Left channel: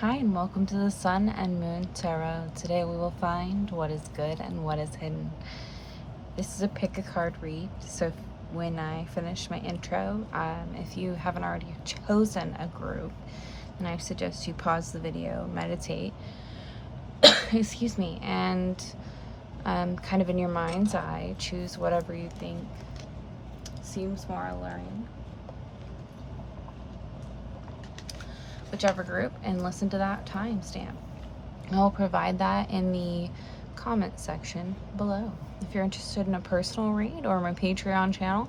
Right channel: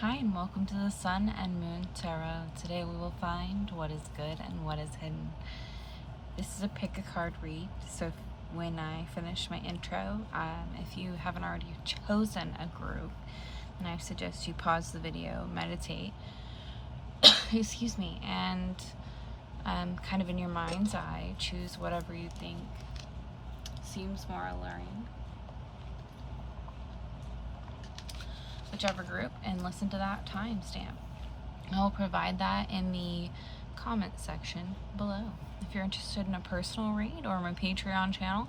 Hi, and welcome to the Sun and Moon Tarot. Today we will find what is good and what is hidden. This is a pick a card read, so when I finish my intro, if you haven't already chosen a group, then I suggest you pause the video, meditate, excuse me, and kind of in your mind's eye, choose whatever you think seems more alluring, whichever group, and listen to that timestamp. I'll provide that in the comment section below. If you're interested in a personal read or my Patreon channel,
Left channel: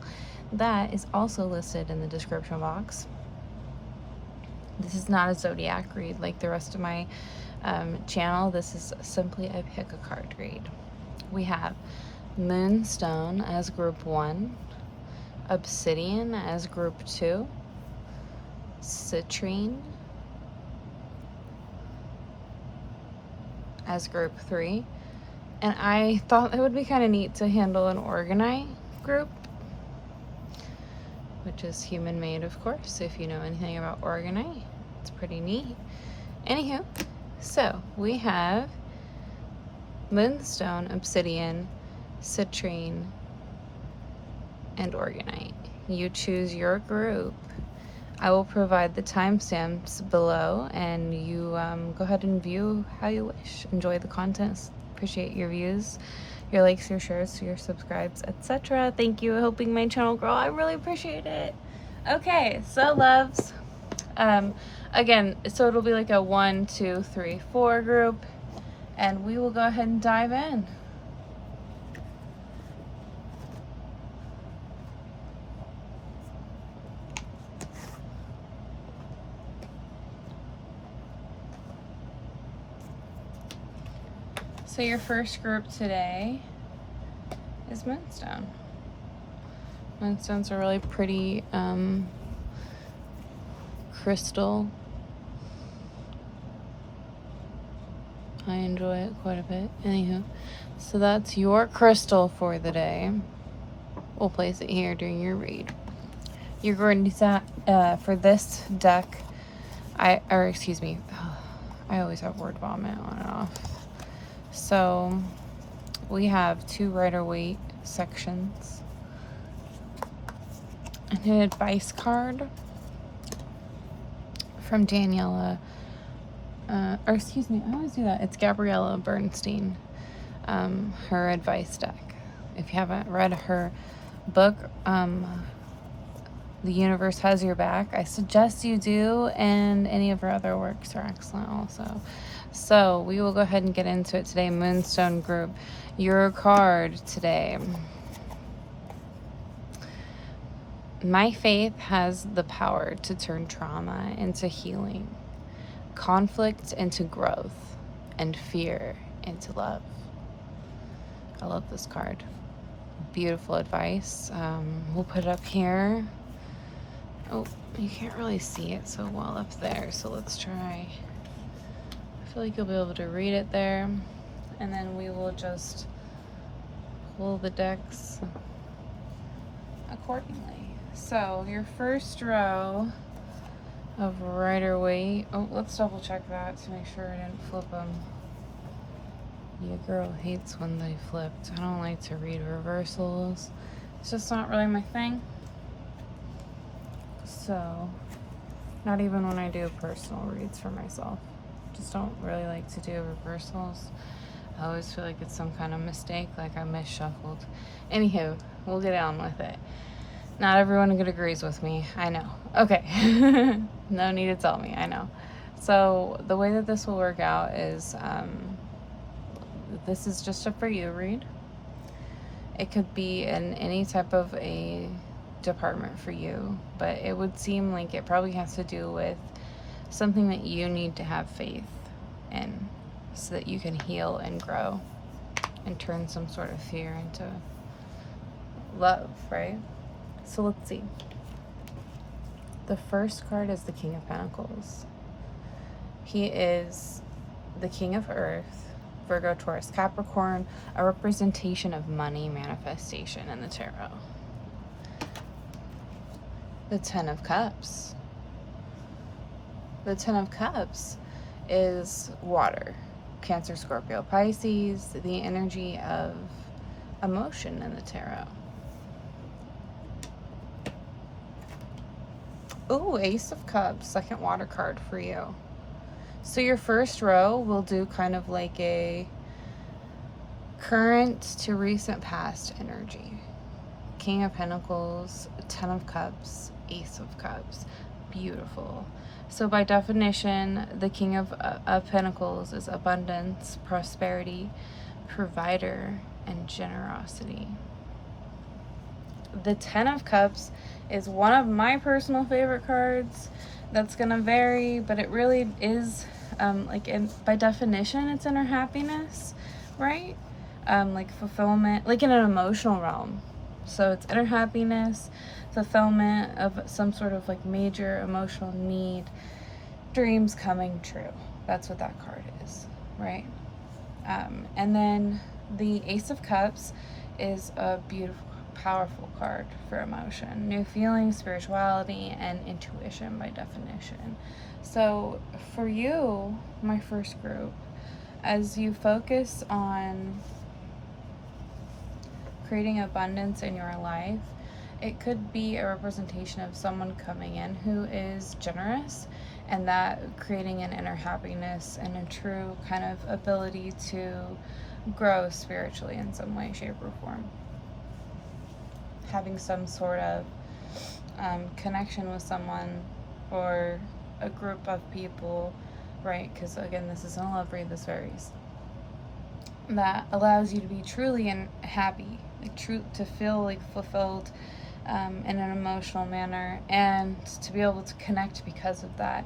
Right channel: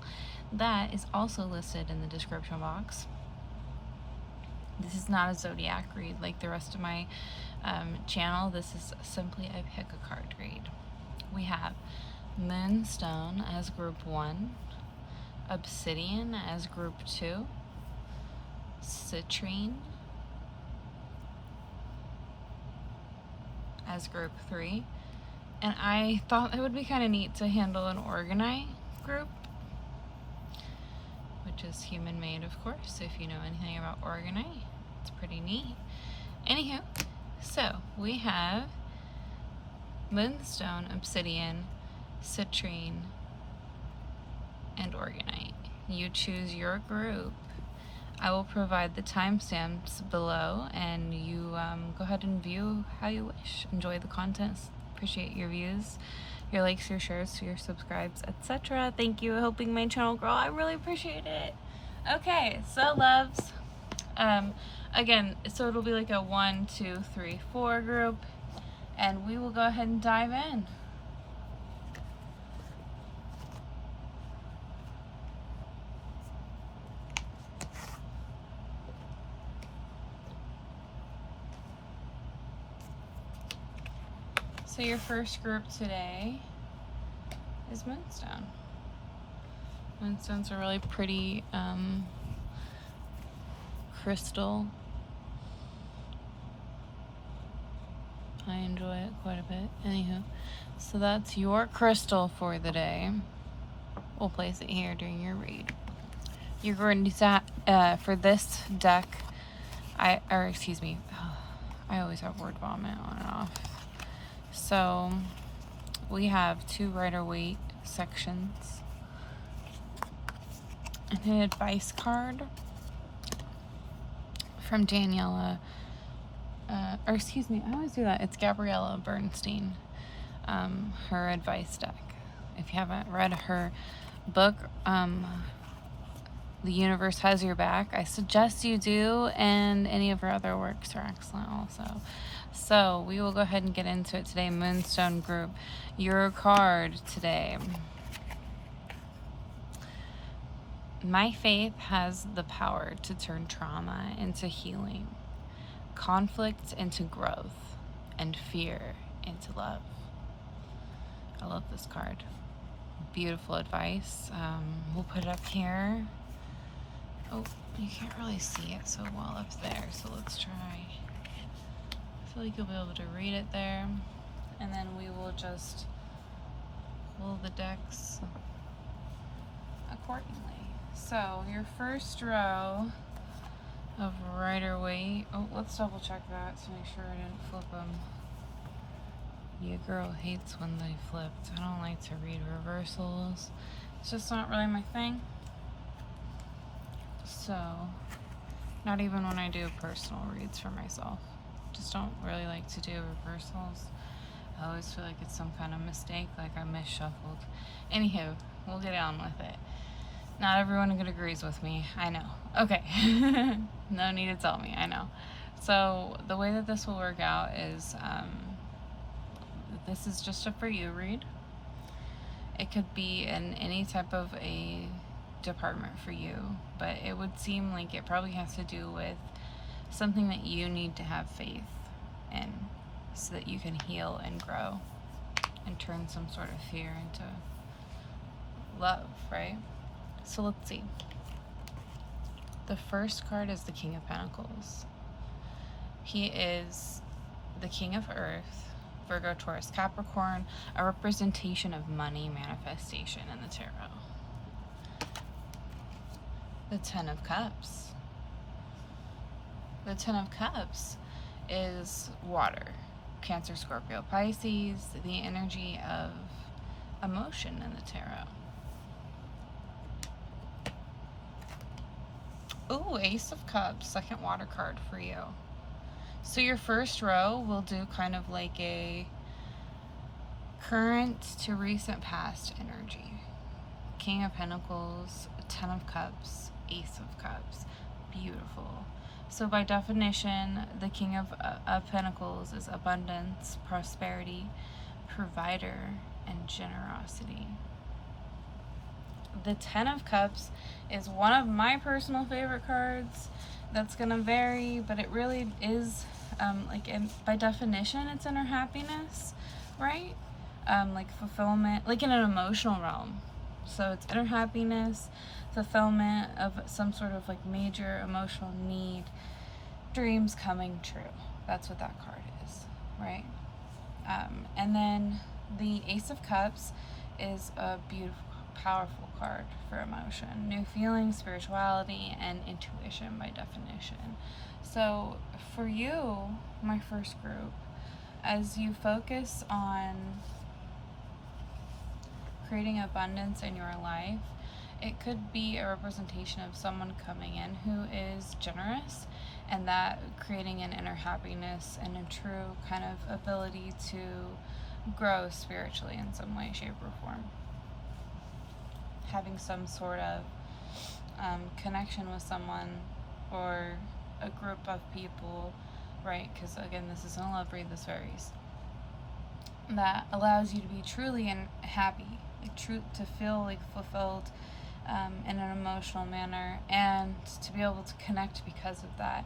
that is also listed in the description box. This is not a zodiac read like the rest of my channel. This is simply a pick a card read. We have Moonstone as group 1, Obsidian as group 2, Citrine as group 3, and I thought it would be kind of neat to handle an Organite group, which is human made, of course. If you know anything about Organite, it's pretty neat. Anywho, so we have Moonstone, Obsidian, Citrine, and Organite. You choose your group. I will provide the timestamps below, and you go ahead and view how you wish. Enjoy the content. Appreciate your views, your likes, your shares, your subscribes, etc. Thank you for helping my channel grow. I really appreciate it. Okay, so loves. Again, so it'll be like a 1, 2, 3, 4 group, and we will go ahead and dive in. So your first group today is Moonstone. Moonstone's a really pretty crystal. I enjoy it quite a bit. Anywho, so that's your crystal for the day. We'll place it here during your read. You're going to, for this deck, I always have word vomit on and off. So we have 2 Rider-Waite sections, and an advice card from Daniela, I always do that. It's Gabriella Bernstein, her advice deck. If you haven't read her book, The Universe Has Your Back, I suggest you do, and any of her other works are excellent also. So we will go ahead and get into it today. Moonstone group, your card today. My faith has the power to turn trauma into healing, conflict into growth, and fear into love. I love this card. Beautiful advice. We'll put it up here. Oh, you can't really see it so well up there, so let's try. I feel like you'll be able to read it there, and then we will just pull the decks accordingly. So your first row of Rider-Waite. Oh, let's double check that to make sure I didn't flip them. Your girl hates when they flipped. I don't like to read reversals. It's just not really my thing. So, not even when I do personal reads for myself. Just don't really like to do reversals. I always feel like it's some kind of mistake, like I misshuffled. Anywho, we'll get on with it. Not everyone agrees with me, I know. Okay, no need to tell me, I know. So the way that this will work out is, this is just a for you read. It could be in any type of a department for you, but it would seem like it probably has to do with something that you need to have faith in so that you can heal and grow and turn some sort of fear into love, right? So let's see. The first card is the King of Pentacles. He is the King of Earth, Virgo, Taurus, Capricorn, a representation of money manifestation in the tarot. The Ten of Cups. The Ten of Cups is water. Cancer, Scorpio, Pisces, the energy of emotion in the tarot. Ooh, Ace of Cups, second water card for you. So your first row will do kind of like a current to recent past energy. King of Pentacles, Ten of Cups, Ace of Cups. Beautiful. So by definition, the King of Pentacles is abundance, prosperity, provider, and generosity. The Ten of Cups is one of my personal favorite cards. That's gonna vary, but it really is by definition, it's inner happiness, right? Like fulfillment, like in an emotional realm. So it's inner happiness, fulfillment of some sort of like major emotional need, dreams coming true. That's what that card is, right? And then the Ace of Cups is a beautiful, powerful card for emotion, new feelings, spirituality, and intuition by definition. So for you, my first group, as you focus on creating abundance in your life, it could be a representation of someone coming in who is generous, and that creating an inner happiness and a true kind of ability to grow spiritually in some way, shape, or form. Having some sort of connection with someone or a group of people, right? Because again, this isn't a love read, this varies. That allows you to be truly and happy, like to feel like fulfilled in an emotional manner, and to be able to connect because of that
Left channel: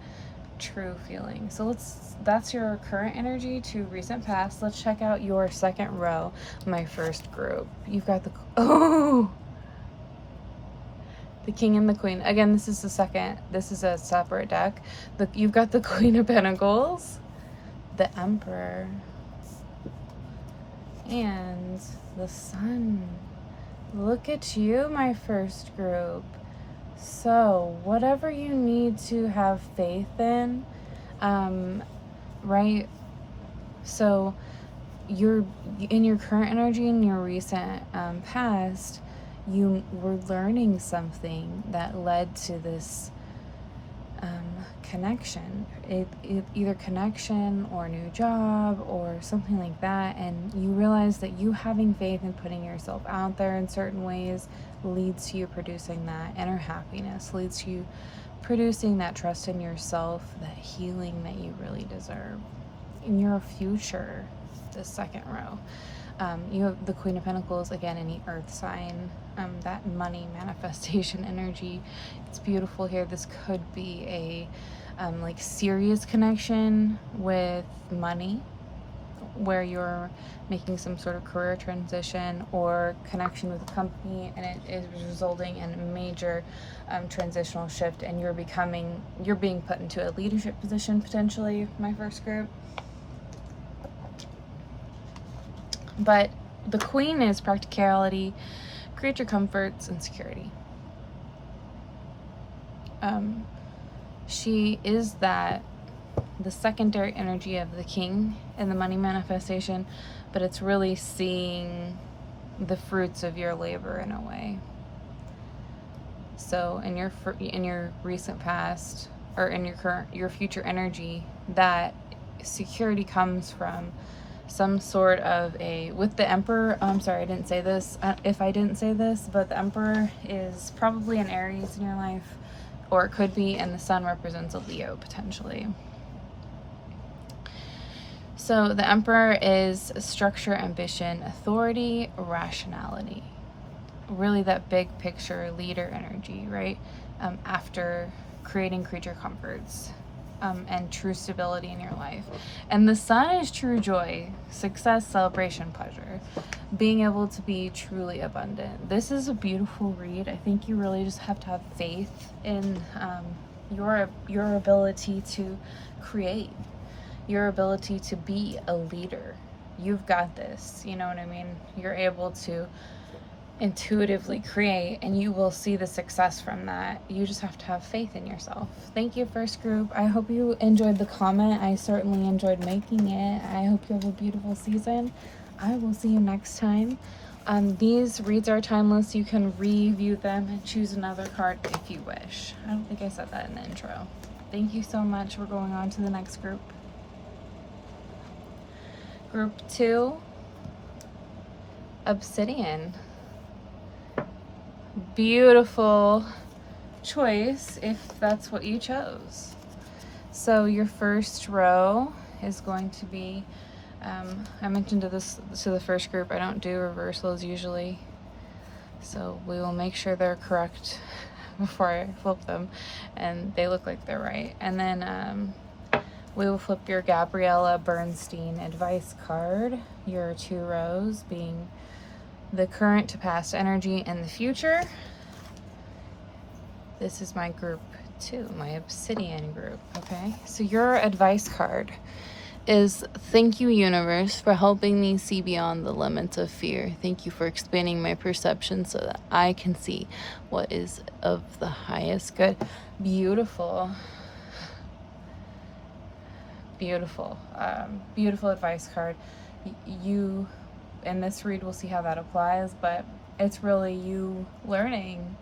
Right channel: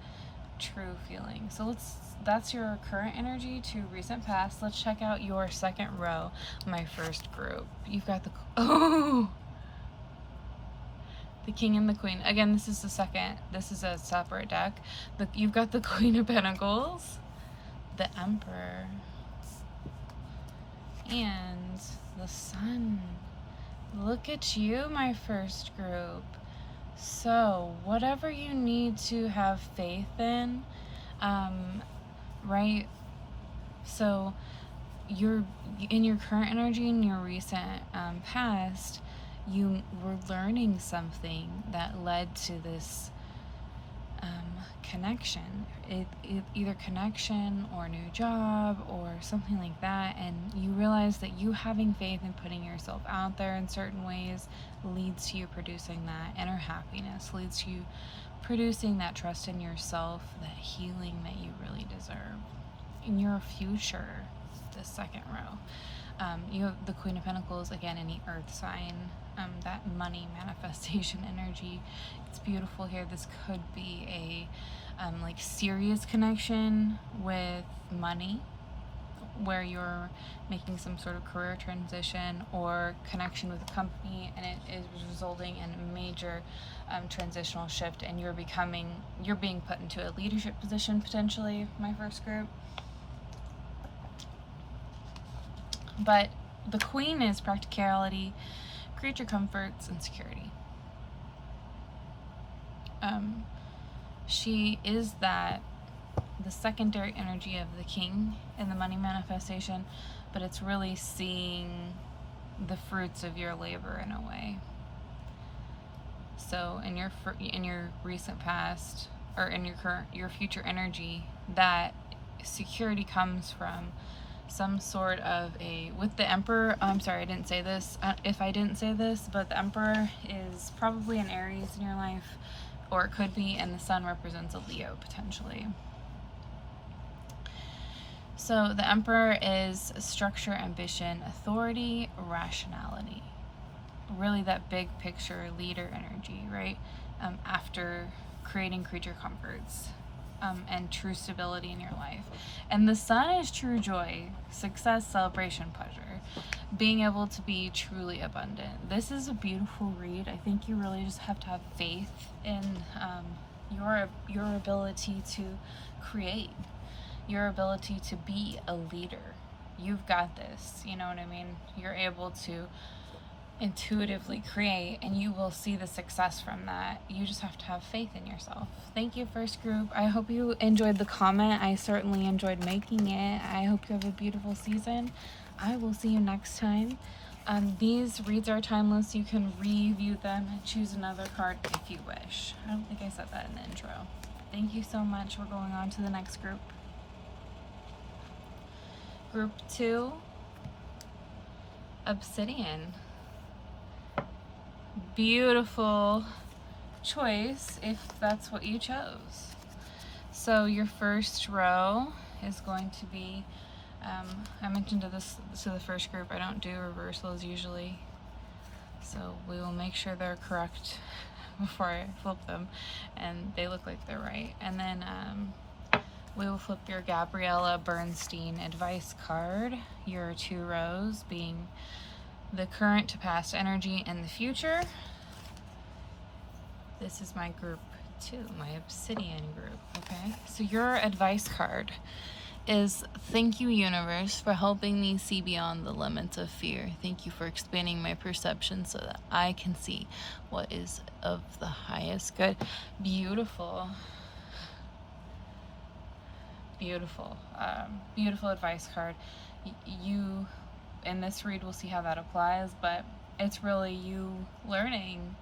true feeling. So that's your current energy to recent past. Let's check out your second row, my first group. You've got the King and the Queen. Again, this is a separate deck. You've got the Queen of Pentacles, the Emperor, and the Sun. Look at you, my first group. So, whatever you need to have faith in, right? So, you're in your current energy and your recent past, you were learning something that led to this connection. It either connection or new job or something like that, and you realize that you having faith and putting yourself out there in certain ways leads to you producing that inner happiness, leads to you producing that trust in yourself, that healing that you really deserve in your future. The second row, you have the Queen of Pentacles, again, any earth sign, that money manifestation energy. It's beautiful here. This could be a like serious connection with money, where you're making some sort of career transition or connection with a company, and it is resulting in a major transitional shift, and you're being put into a leadership position potentially, my first group. But the Queen is practicality, creature comforts, and security. She is the secondary energy of the King in the money manifestation, but it's really seeing the fruits of your labor in a way. So in your recent past, or in your future energy, that security comes from some sort of with the Emperor. I'm sorry, I didn't say this. If I didn't say this, but the Emperor is probably an Aries in your life, or it could be, and the Sun represents a Leo potentially. So the Emperor is structure, ambition, authority, rationality. Really that big picture leader energy, right? After creating creature comforts. And true stability in your life. And the Sun is true joy, success, celebration, pleasure, being able to be truly abundant. This is a beautiful read. I think you really just have to have faith in your ability to create, your ability to be a leader. You've got this, you know what I mean? You're able to intuitively create, and you will see the success from that. You just have to have faith in yourself. Thank you, first group. I hope you enjoyed the comment. I certainly enjoyed making it. I hope you have a beautiful season. I will see you next time. These reads are timeless. You can review them and choose another card if you wish. I don't think I said that in the intro. Thank you so much. We're going on to the next group. Group 2, Obsidian. Beautiful choice if that's what you chose. So your first row is going to be, I mentioned to the first group, I don't do reversals usually, so we will make sure they're correct before I flip them and they look like they're right. And then we will flip your Gabriella Bernstein advice card, your 2 rows being the current to past energy and the future. This is my group 2, my Obsidian group, okay? So your advice card is, thank you, universe, for helping me see beyond the limits of fear. Thank you for expanding my perception so that I can see what is of the highest good. Beautiful. Beautiful. Beautiful advice card. You, in this read, we'll see how that applies, but it's really you learning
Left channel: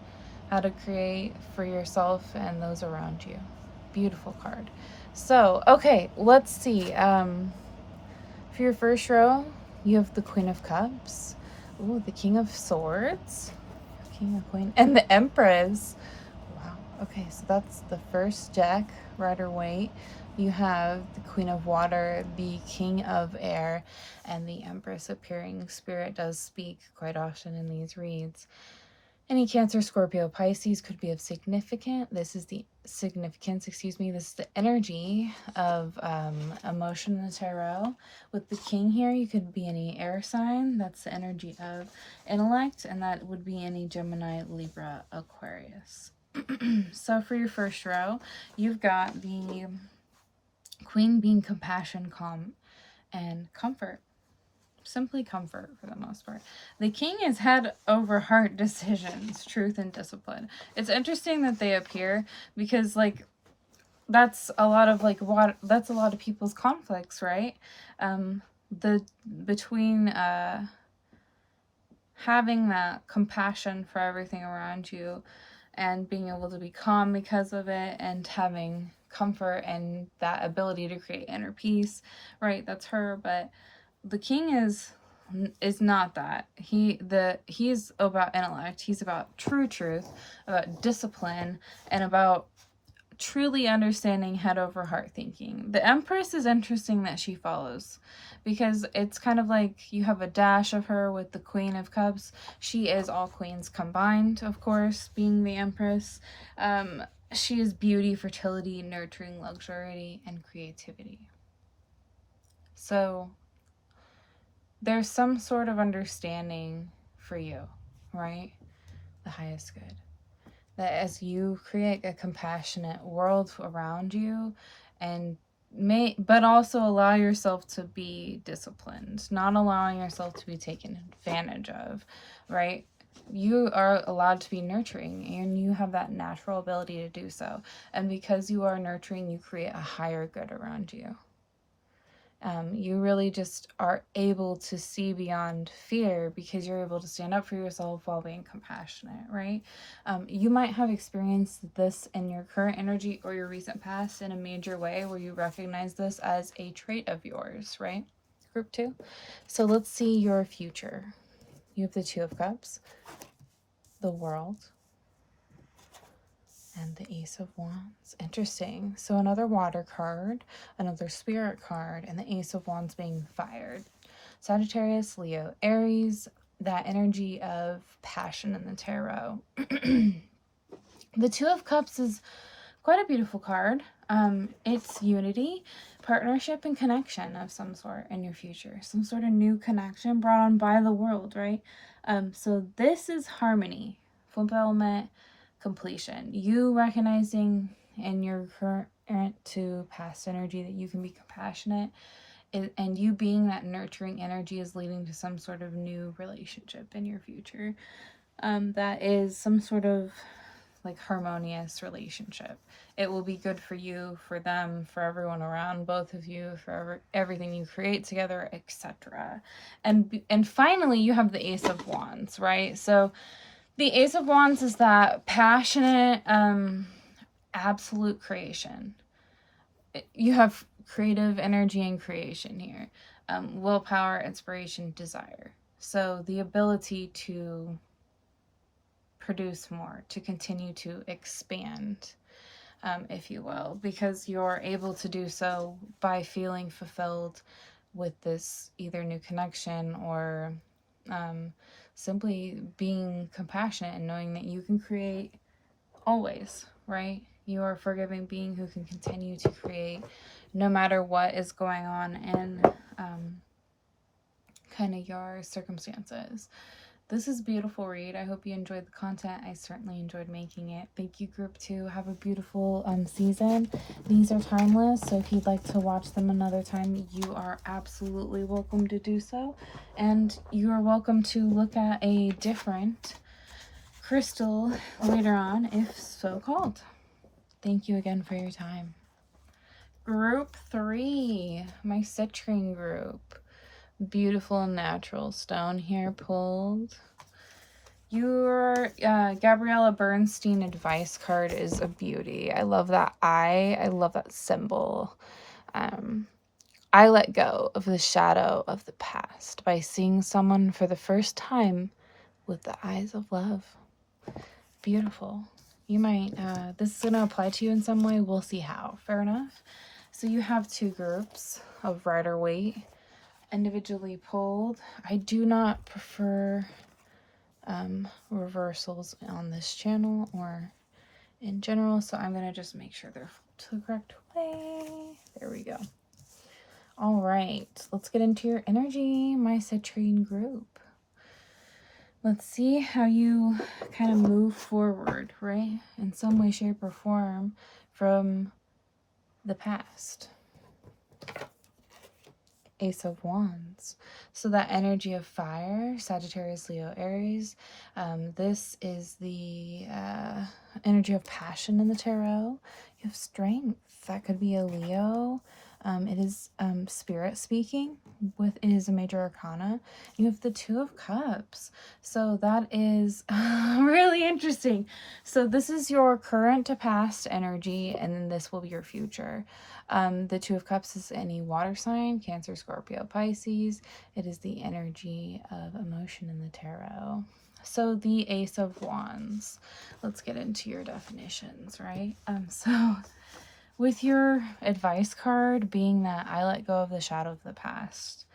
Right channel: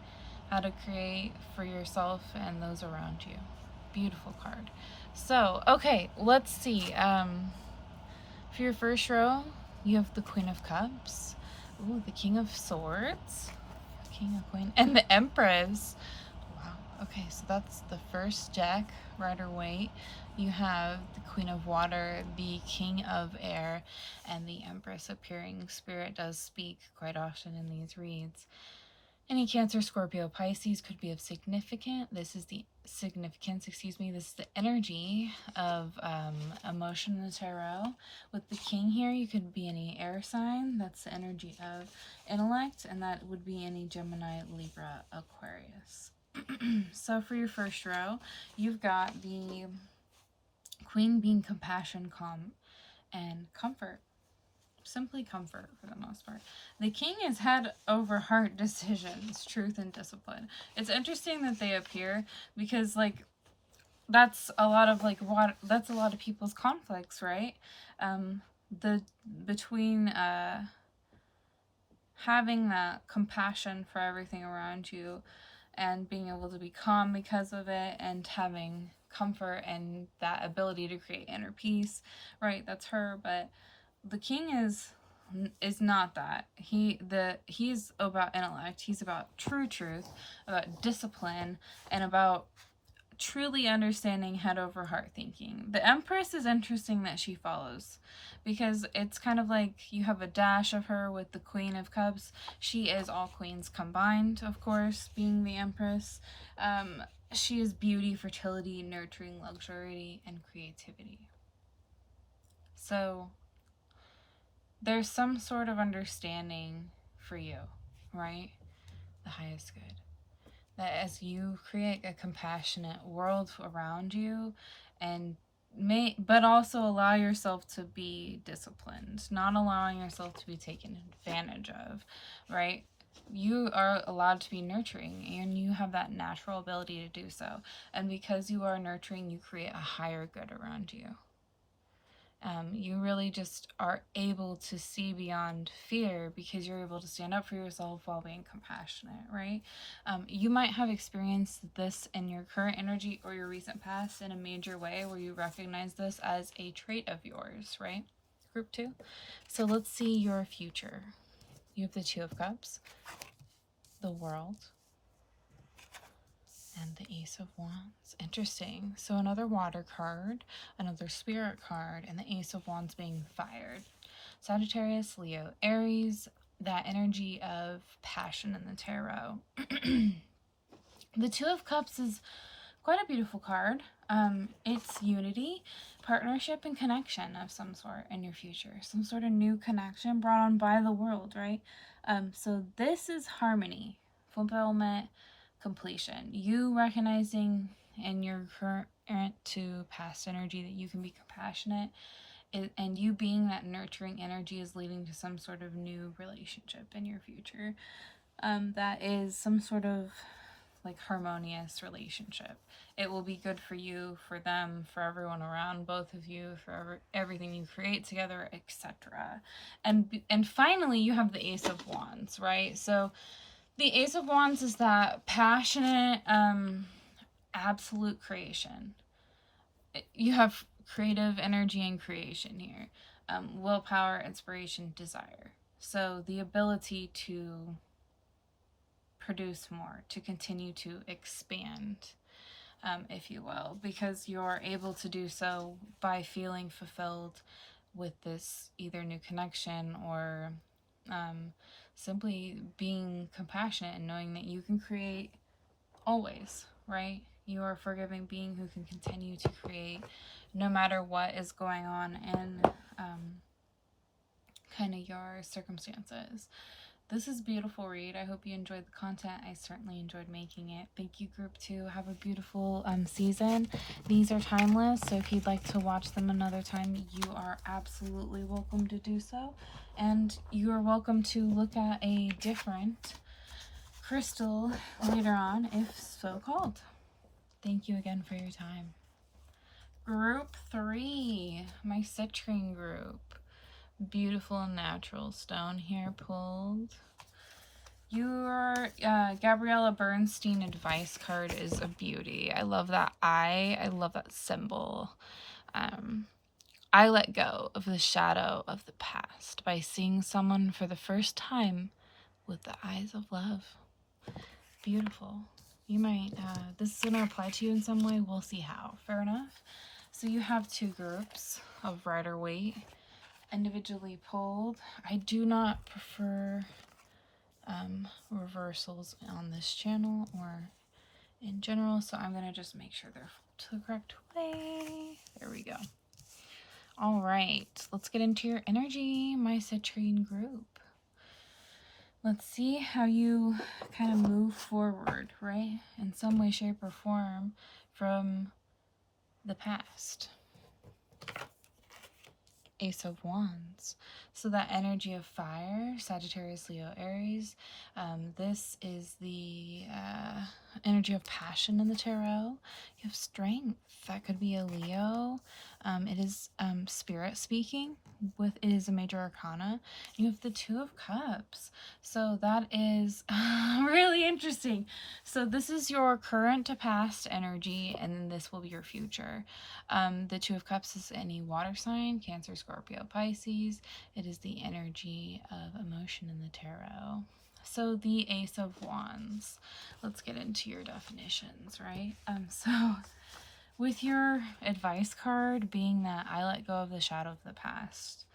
how to create for yourself and those around you. Beautiful card. So, okay, let's see. For your first row, you have the Queen of Cups. Ooh, the King of Swords. King of Queen. And the Empress. Wow. Okay, so that's the first Jack, Rider Waite. You have the Queen of Water, the King of Air, and the Empress appearing. Spirit does speak quite often in these reads. Any Cancer, Scorpio, Pisces could be of significant. This is the significance, excuse me. This is the energy of emotion in the tarot. With the King here, you could be any air sign. That's the energy of intellect, and that would be any Gemini, Libra, Aquarius. So for your first row, you've got the Queen being compassion, calm, and comfort. Simply comfort for the most part. The King is head over heart decisions, truth, and discipline. It's interesting that they appear because, like, that's a lot of that's a lot of people's conflicts, right? Between having that compassion for everything around you and being able to be calm because of it, and having comfort and that ability to create inner peace, right? That's her. But the King is not that. He's about intellect. He's about true truth, about discipline, and about truly understanding head over heart thinking. The Empress is interesting that she follows, because it's kind of like you have a dash of her with the Queen of Cups. She is all queens combined, of course, being the Empress. She is beauty, fertility, nurturing, luxury, and creativity. So there's some sort of understanding for you, right? The highest good. That as you create a compassionate world around you, and but also allow yourself to be disciplined, not allowing yourself to be taken advantage of, right? You are allowed to be nurturing, and you have that natural ability to do so. And because you are nurturing, you create a higher good around you. You really just are able to see beyond fear because you're able to stand up for yourself while being compassionate, right? You might have experienced this in your current energy or your recent past in a major way where you recognize this as a trait of yours, right? Group 2. So let's see your future. You have the 2 of Cups, the World, and the Ace of Wands. Interesting. So another water card, another spirit card, and the Ace of Wands being fired. Sagittarius, Leo, Aries, that energy of passion in the tarot. The 2 of Cups is quite a beautiful card. It's unity, partnership, and connection of some sort in your future. Some sort of new connection brought on by the world, right? So this is harmony, fulfillment, completion. You recognizing in your current to past energy that you can be compassionate and you being that nurturing energy is leading to some sort of new relationship in your future. That is some sort of like harmonious relationship. It will be good for you, for them, for everyone around both of you, for everything you create together, etc. And finally, you have the Ace of Wands, right? So the Ace of Wands is that passionate, absolute creation. You have creative energy and creation here. Willpower, inspiration, desire. So the ability to produce more, to continue to expand, if you will, because you're able to do so by feeling fulfilled with this either new connection or simply being compassionate and knowing that you can create always, right? You are a forgiving being who can continue to create no matter what is going on in kind of your circumstances. This is a beautiful read. I hope you enjoyed the content. I certainly enjoyed making it. Thank you, group 2. Have a beautiful season. These are timeless, so if you'd like to watch them another time, you are absolutely welcome to do so. And you are welcome to look at a different crystal later on, if so called. Thank you again for your time. Group 3, my citrine group. Beautiful natural stone here pulled. Your Gabriella Bernstein advice card is a beauty. I love that eye. I love that symbol. I let go of the shadow of the past by seeing someone for the first time with the eyes of love. Beautiful. You might, this is going to apply to you in some way. We'll see how. Fair enough. So you have 2 groups of Rider-Waite individually pulled. I do not prefer reversals on this channel or in general, so I'm going to just make sure they're to the correct way. There we go. All right, let's get into your energy, my citrine group. Let's see how you kind of move forward, right? In some way, shape, or form from the past. Ace of Wands. So that energy of fire, Sagittarius, Leo, Aries. This is the energy of passion in the tarot. You have strength. That could be a Leo. It is spirit speaking. It is a major arcana. You have the 2 of Cups. So that is really interesting. So this is your current to past energy, and then this will be your future. The 2 of Cups is any water sign, Cancer, Scorpio, Pisces. It is the energy of emotion in the tarot. So the Ace of Wands. Let's get into your definitions, right? So with your advice card being that I let go of the shadow of the past,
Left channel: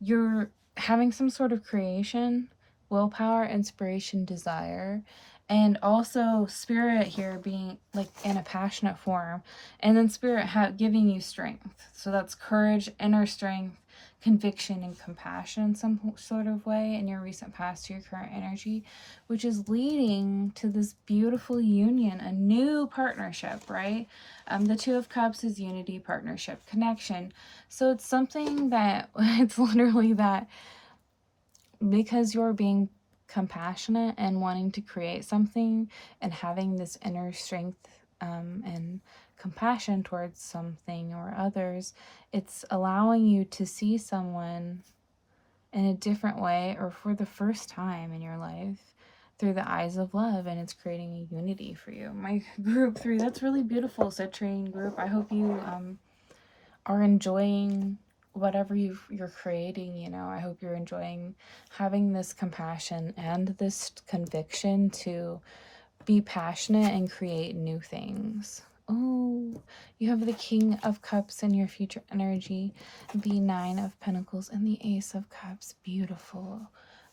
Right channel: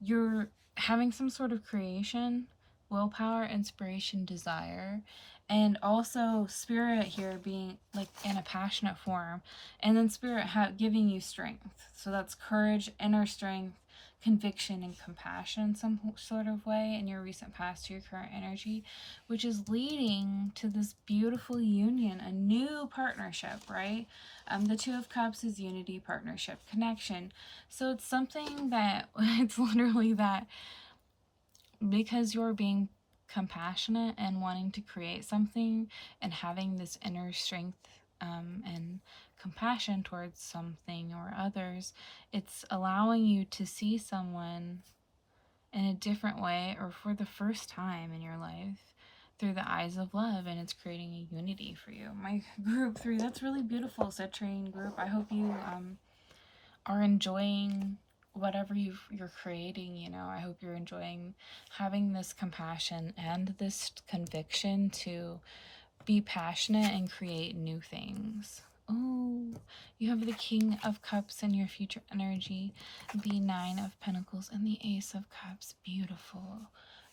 you're having some sort of creation, willpower, inspiration, desire, and also spirit here being like in a passionate form, and then spirit giving you strength. So that's courage, inner strength, conviction, and compassion in some sort of way in your recent past to your current energy, which is leading to this beautiful union, a new partnership, right? The 2 of Cups is unity, partnership, connection. So it's something that it's literally that because you're being compassionate and wanting to create something and having this inner strength and compassion towards something or others, it's allowing you to see someone in a different way or for the first time in your life through the eyes of love, and it's creating a unity for you. My group 3, that's really beautiful, citrine group. I hope you are enjoying whatever you're creating. You know, I hope you're enjoying having this compassion and this conviction to be passionate and create new things. Oh, you have the King of Cups in your future energy, the 9 of Pentacles, and the Ace of Cups. Beautiful.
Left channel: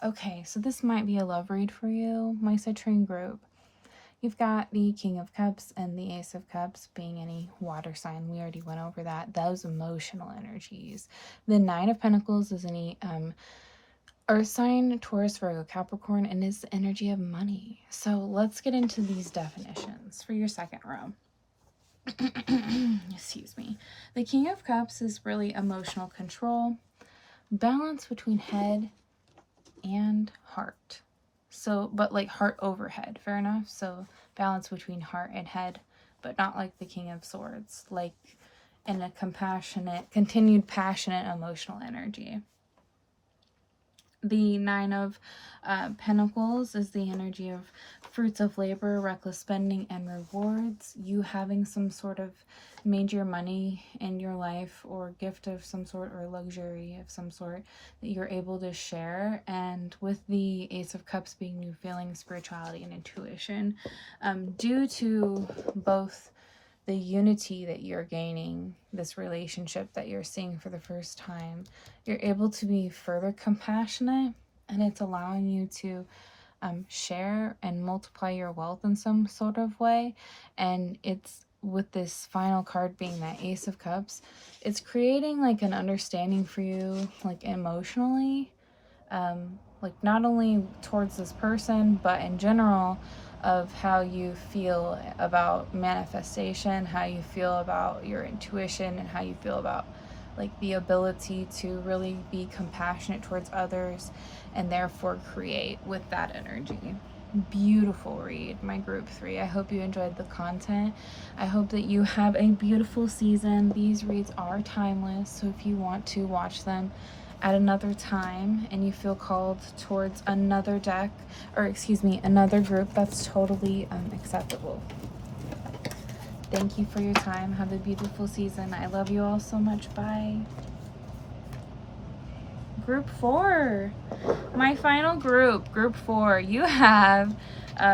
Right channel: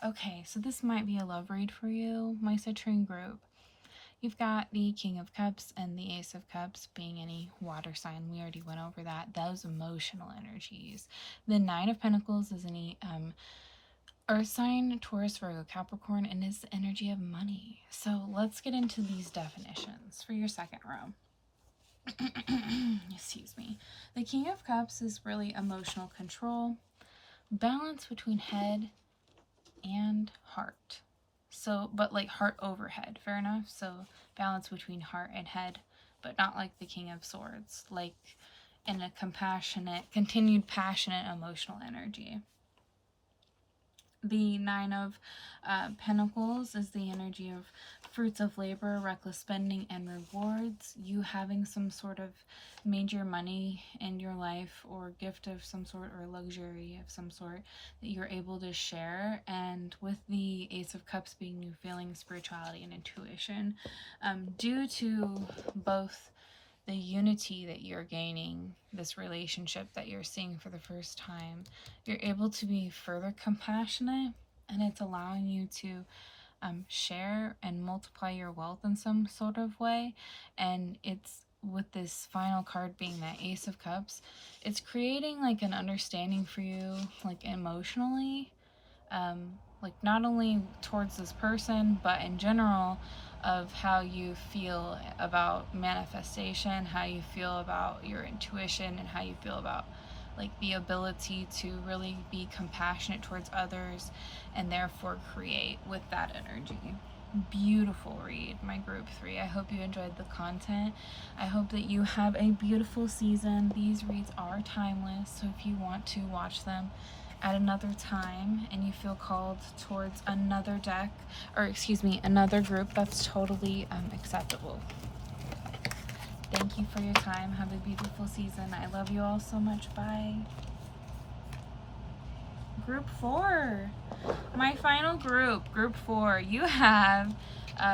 Okay, so this might be a love read for you, my citrine group. You've got the King of Cups and the Ace of Cups being any water sign. We already went over that. Those emotional energies. The 9 of Pentacles is any Earth sign, Taurus, Virgo, Capricorn, and is the energy of money. So let's get into these definitions for your second row. Excuse me. The King of Cups is really emotional control, balance between head and heart. So, but like heart over head, fair enough? So balance between heart and head, but not like the King of Swords, like in a compassionate, continued passionate emotional energy. The Nine of Pentacles is the energy of fruits of labor, reckless spending, and rewards. You having some sort of major money in your life, or gift of some sort, or luxury of some sort that you're able to share. And with the Ace of Cups being new feelings, spirituality, and intuition, due to both the unity that you're gaining, this relationship that you're seeing for the first time, you're able to be further compassionate, and it's allowing you to share and multiply your wealth in some sort of way. And it's, with this final card being that Ace of Cups, it's creating like an understanding for you, like emotionally, like not only towards this person, but in general, of how you feel about manifestation, how you feel about your intuition, and how you feel about like the ability to really be compassionate towards others and therefore create with that energy. Beautiful read, my group 3. I hope you enjoyed the content. I hope that you have a beautiful season. These reads are timeless, so if you want to watch them at another time and you feel called towards another deck, or excuse me, another group, that's totally acceptable. Thank you for your time. Have a beautiful season. I love you all so much. Bye. Group 4, my final group, group 4. You have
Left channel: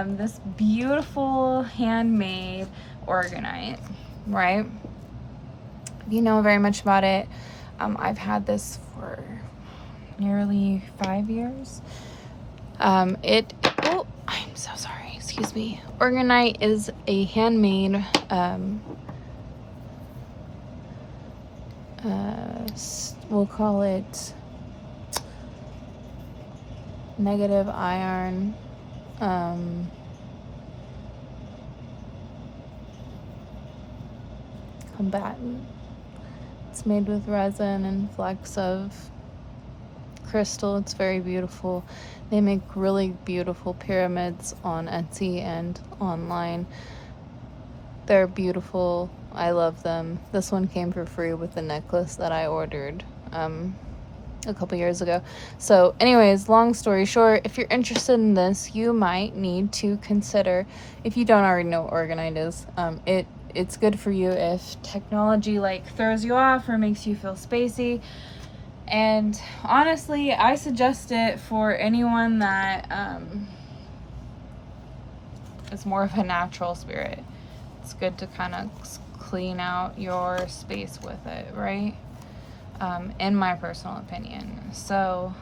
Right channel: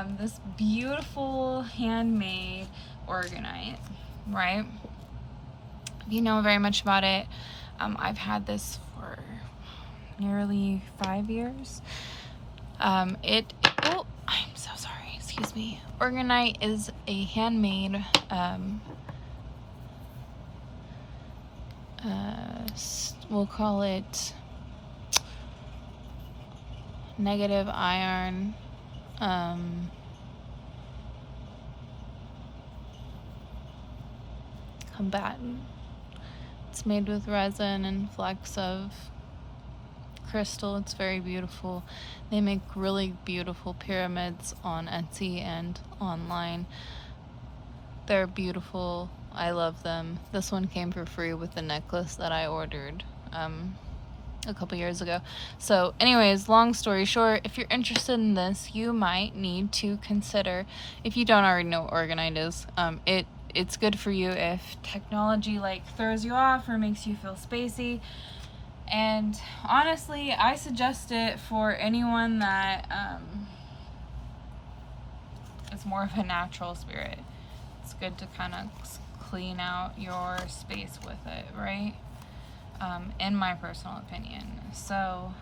this beautiful handmade organite, right? If you know very much about it, I've had this for nearly 5 years. Oh, I'm so sorry, excuse me. Organite is a handmade we'll call it negative iron combatant. It's made with resin and flecks of crystal. It's very beautiful. They make really beautiful pyramids on Etsy and online. They're beautiful. I love them. This one came for free with the necklace that I ordered a couple years ago. So anyways, long story short, if you're interested in this, you might need to consider, if you don't already know what organite is, it's good for you if technology like throws you off or makes you feel spacey. And honestly, I suggest it for anyone that is more of a natural spirit. It's good to kind of clean out your space with it, right? In my personal opinion. So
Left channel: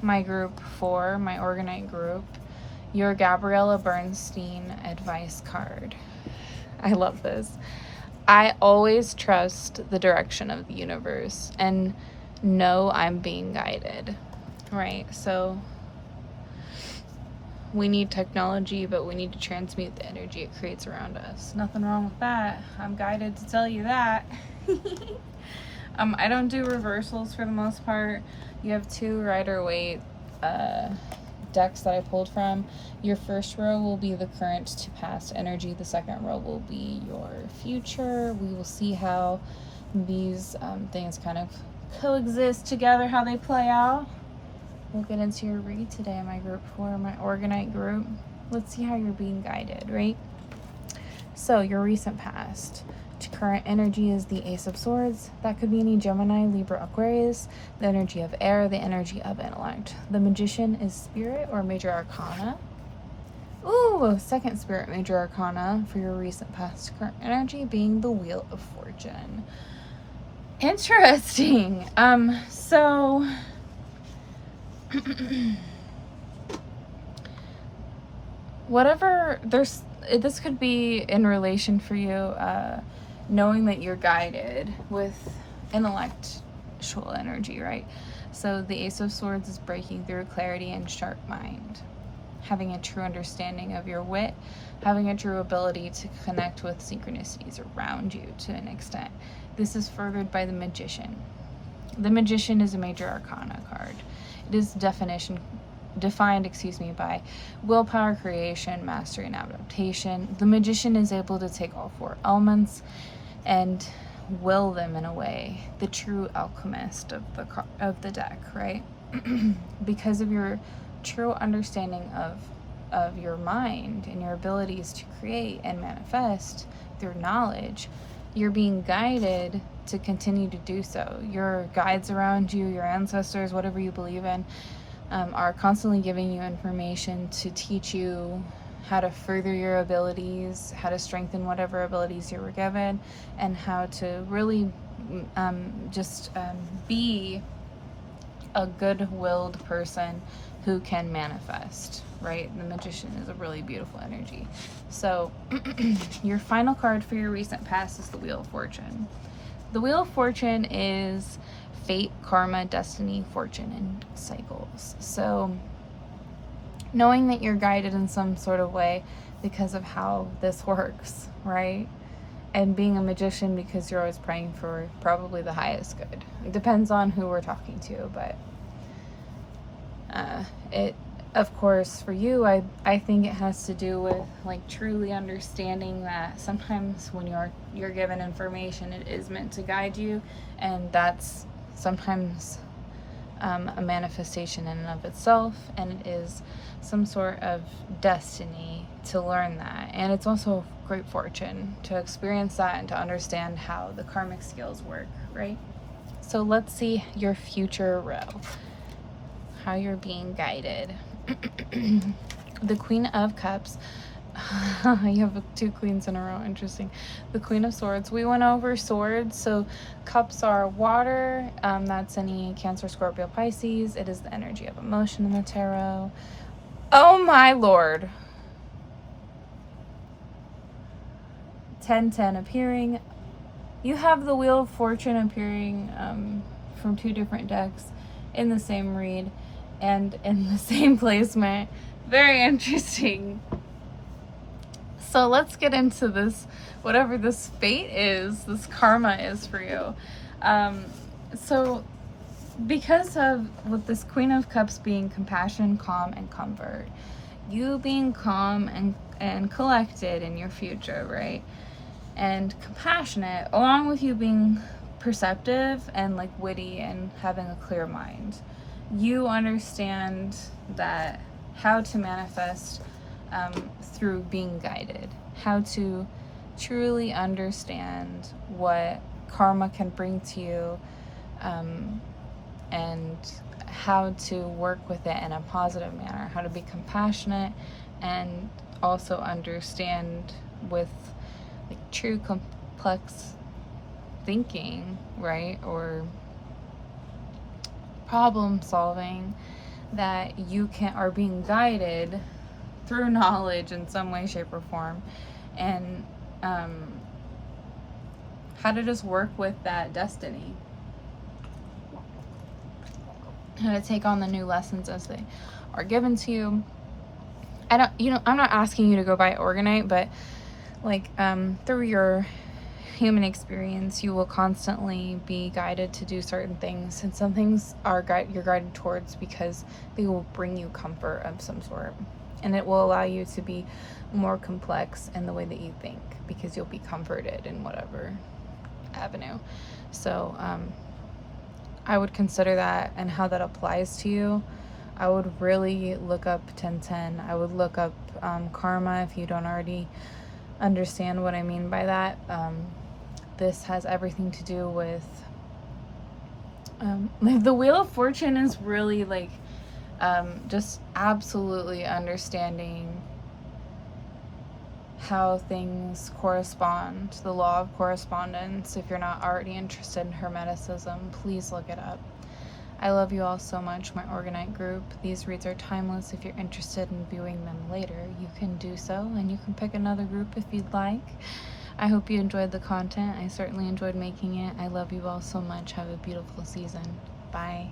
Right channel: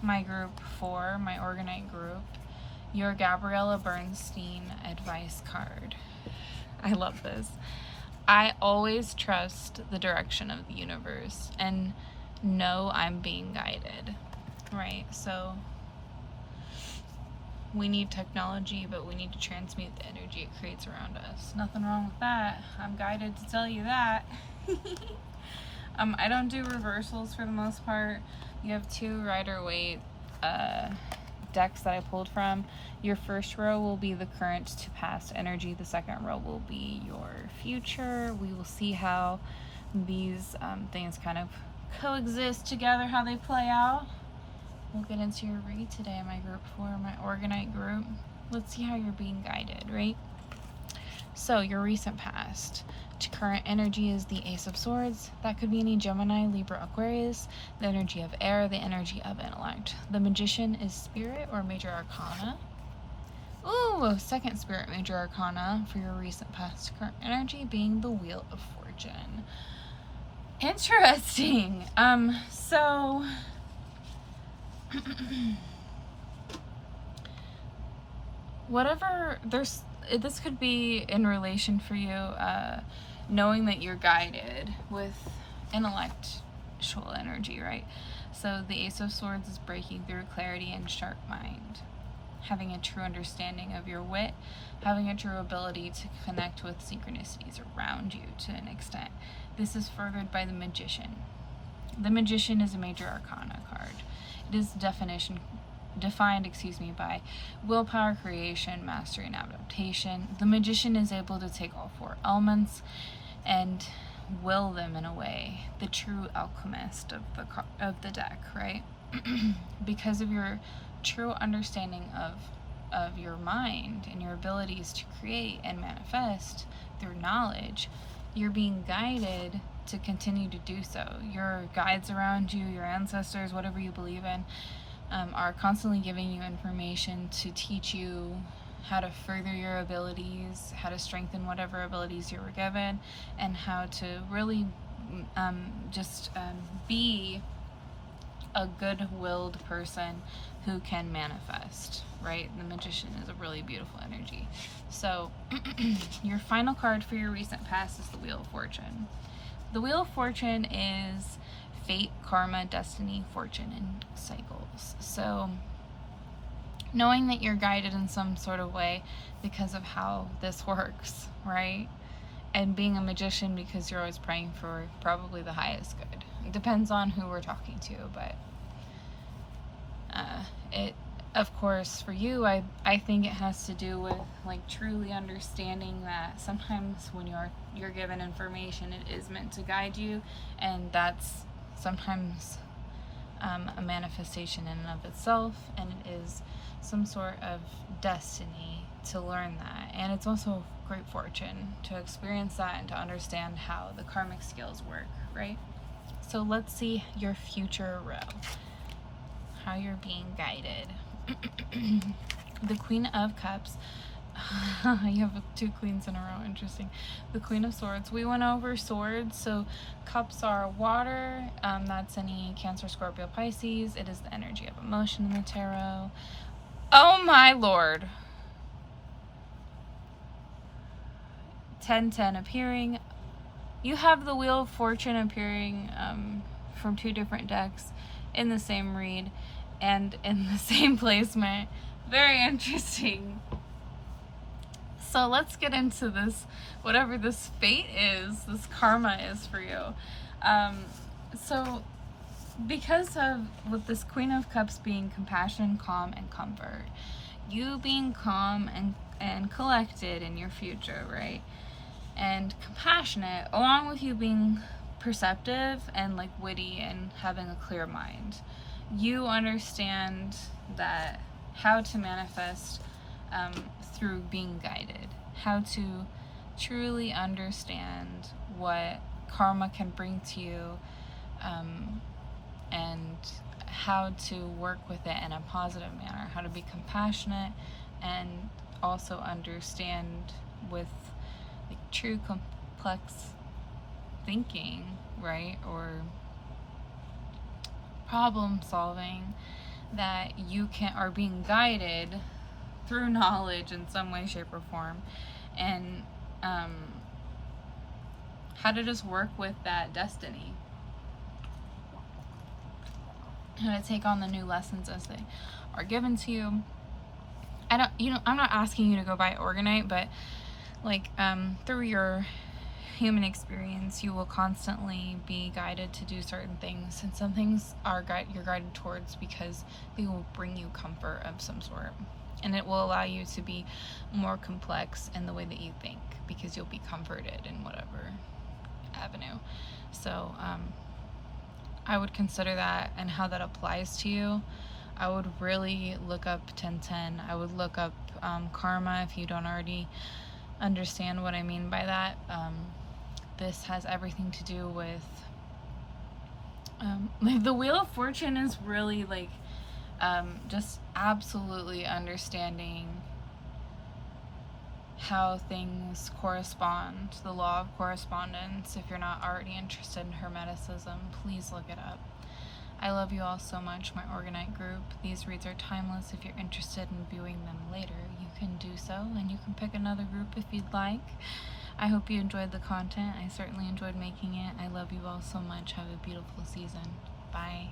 my group 4, my organite group, your Gabriella Bernstein advice card. I love this. I always trust the direction of the universe and know I'm being guided, right? So we need technology, but we need to transmute the energy it creates around us. Nothing wrong with that. I'm guided to tell you that. I don't do reversals for the most part. You have 2 Rider-Waite decks that I pulled from. Your first row will be the current to past energy. The second row will be your future. We will see how these things kind of coexist together, how they play out. We'll get into your read today, my group 4, my organite group. Let's see how you're being guided, right? So your recent past to current energy is the Ace of Swords. That could be any Gemini, Libra, Aquarius. The energy of air, the energy of intellect. The Magician is spirit or major arcana. Ooh, second spirit major arcana for your recent past to current energy being the Wheel of Fortune. Interesting. So whatever, this could be in relation for you, knowing that you're guided with intellectual energy, right? So the Ace of Swords is breaking through clarity and sharp mind, having a true understanding of your wit, having a true ability to connect with synchronicities around you to an extent. this is furthered by the Magician. The Magician is a major arcana card. It is defined by willpower, creation, mastery, and adaptation. The Magician is able to take all 4 elements and will them in a way. The true alchemist of the deck, right? Because of your true understanding of your mind and your abilities to create and manifest through knowledge, you're being guided to continue to do so. Your guides around you, your ancestors, whatever you believe in, are constantly giving you information to teach you how to further your abilities, how to strengthen whatever abilities you were given, and how to really be a good-willed person who can manifest, right? The Magician is a really beautiful energy. So your final card for your recent past is the Wheel of Fortune. The Wheel of Fortune is fate, karma, destiny, fortune, and cycles. So knowing that you're guided in some sort of way because of how this works, right? And being a magician because you're always praying for probably the highest good. It depends on who we're talking to, but it, of course, for you, I think it has to do with like truly understanding that sometimes when you're given information, it is meant to guide you, and that's sometimes a manifestation in and of itself, and it is some sort of destiny to learn that. And it's also great fortune to experience that and to understand how the karmic skills work, right? So let's see your future row, how you're being guided. The Queen of Cups. You have 2 queens in a row. Interesting. The Queen of Swords. We went over swords. So cups are water. That's any Cancer, Scorpio, Pisces. It is the energy of emotion in the tarot. Oh my lord. 1010 appearing. You have the Wheel of Fortune appearing from 2 different decks in the same read and in the same placement. Very interesting. So let's get into this, whatever this fate is, this karma is for you. So because of with this Queen of Cups being compassion, calm, and comfort, you being calm and collected in your future, right? And compassionate, along with you being perceptive and like witty and having a clear mind. You understand that how to manifest through being guided, how to truly understand what karma can bring to you, and how to work with it in a positive manner, how to be compassionate and also understand with like true complex thinking, right? Or problem solving, that you are being guided through knowledge in some way, shape, or form, and how to just work with that destiny, how to take on the new lessons as they are given to you. I'm not asking you to go buy Organite, but like through your human experience, you will constantly be guided to do certain things, and some things you're guided towards because they will bring you comfort of some sort, and it will allow you to be more complex in the way that you think because you'll be comforted in whatever avenue. So I would consider that, and how that applies to you. I would really look up 1010. I would look up karma if you don't already understand what I mean by that. This has everything to do with the Wheel of Fortune is really like just absolutely understanding how things correspond, the law of correspondence. If you're not already interested in Hermeticism, please look it up. I love you all so much, my Organite group. These reads are timeless. If you're interested in viewing them later, you can do so, and you can pick another group if you'd like. I hope you enjoyed the content. I certainly enjoyed making it. I love you all so much. Have a beautiful season. Bye.